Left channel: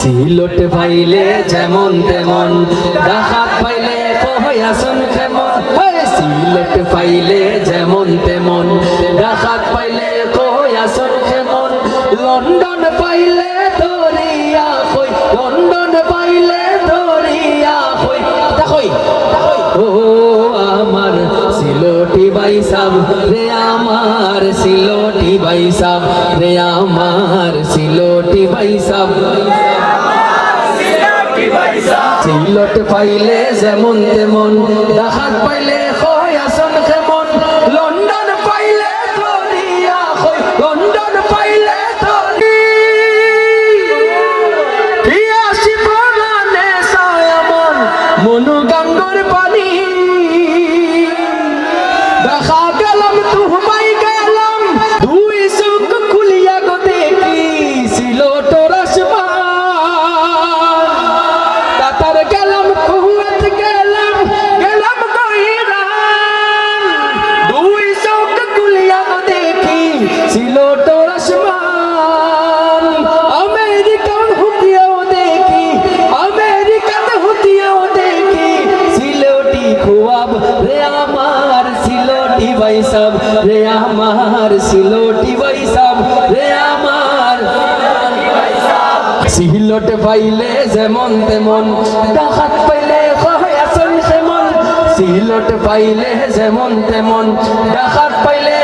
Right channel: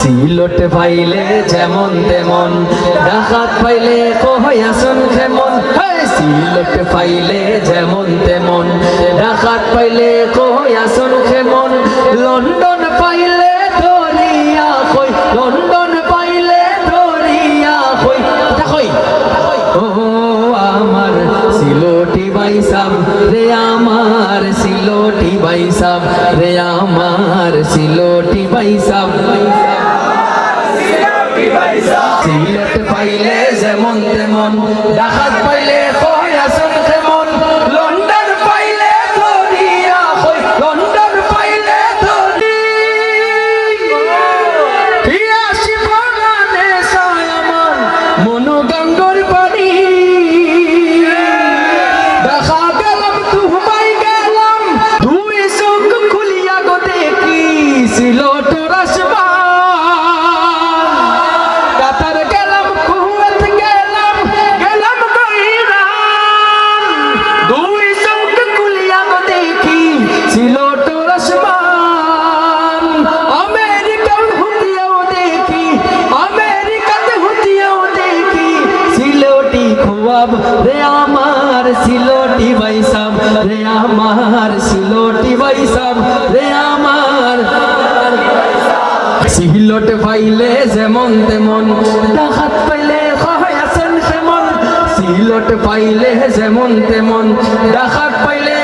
সিলট পাইলে যেমন তেমন, ডাকাত পাইলে কহয়াসন কেমন। সিলট পাইলে যেমন তেমন, ডাকাত পাইলে কহয়াসন কেমন। লন্ডন পাইলে ধরিয়া কই, লন্ডন পাইলে ধরিয়া কই, দেখই ও আমার সিলটি বাইসাব রে, আমার সিলটি বাইসাব রে, আমার সিলটি বাইসাব। সিলট পাইলে যেমন তেমন, ডাকাত পাইলে কহয়াসন কেমন। লন্ডন পাইলে ধরিয়া কই, লন্ডন পাইলে ধরিয়া শিবনানে সয়মন মনোগঙ্গর পানি। দেখা গেলাম তুমাই গেলাম, দুই চোখ খুলিয়া গো দেখি সিলট রাসবা। কাতার গেলাম, কুয়েত গেলাম, গেলাম তো ইরান, দুই চোখ খুলিয়া গো দেখি সিলট আসমান। আমেরিকান হুতিয়াও দেখি, আমেরিকাতে হুতিয়াও দেখি সিলটি খুয়াব রে, আমার সিলটি বাইসাব রে, আমার সিলটি বাইসাব রে, আমার। সিলট পাইলে যেমন তেমন, ডাকাত পাইলে কহয়াসন কেমন। সিলট পাইলে যেমন তেমন, ডাকাত পাইলে